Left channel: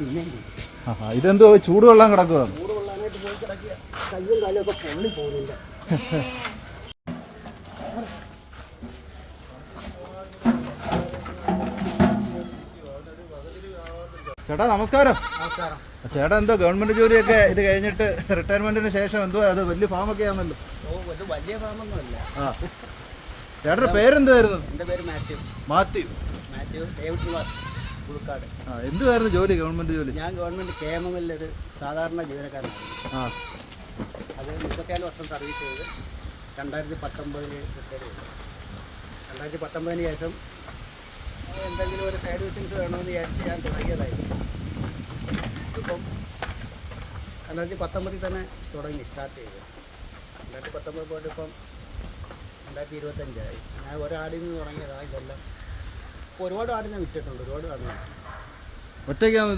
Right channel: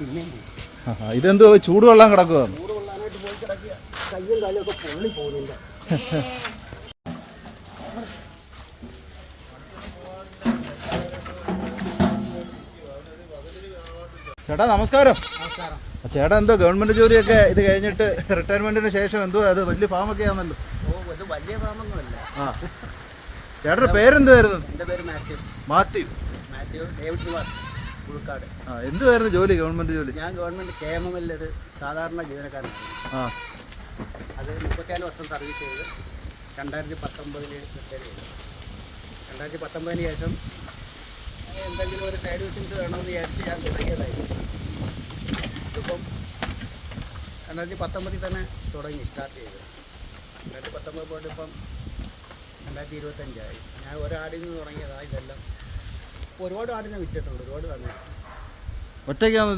പിന്നെയും ഇതെന്തോ ചൂടുവെള്ളം കിടക്കുക? ചൂടുവെള്ളാനായിട്ട് പോയി കിടക്കുക. കയ്യും കാലും ഒക്കെ പൊള്ളി പോകുന്നുണ്ട്. ചേട്ടാ നമസ്കാരം. നമസ്കാരം. ചേട്ടാ എന്തോ ഗവൺമെന്റ് ജോലിയൊക്കെ ഇത് കഴിഞ്ഞിട്ട് റിട്ടയർമെന്റിന് ശേഷം എന്തോ അത് വലിയ ഫാമൊക്കെ ആണല്ലോ? ഇത് വലിയ ഫാമൊന്നുമല്ല. ചേട്ടന്റെ പേരെന്തായിരുന്നു? എൻ്റെ പേര് മാത്യു. മാത്യു ഡേവിഡ് നിവാസ്, പുതുക്കാട്. എന്തുവായിരുന്നു ജോലി, ഗവൺമെന്റ് ജോലി? ഞാൻ ഗവൺമെന്റ് KMML ഒരു സാധാരണ ജീവനക്കാരനായിരുന്നു. അത് 34 വർഷം സർവീസ് ചെയ്ത് 2019 റിട്ടയർ ചെയ്തു. 2019 ശേഷം എന്തെങ്കിലും ഒരു സൈഡ് ബിസിനസ് വേണമെന്ന് വിചാരിച്ച് ഞാൻ തുടങ്ങിയതായിരുന്നു. ഇതിപ്പം 2019 തന്നെ സ്റ്റാർട്ട് ചെയ്ത് 2019 പോയിട്ട് ഇപ്പം 2025 ഞാൻ ഒരാടിൽ നിന്ന് തുടങ്ങിയതാണ് ഇതെല്ലാം. ഇപ്പോൾ ഒരുപാട് ആടിനെ വിറ്റിട്ടുണ്ട്. ഒറ്റയ്ക്കാണ്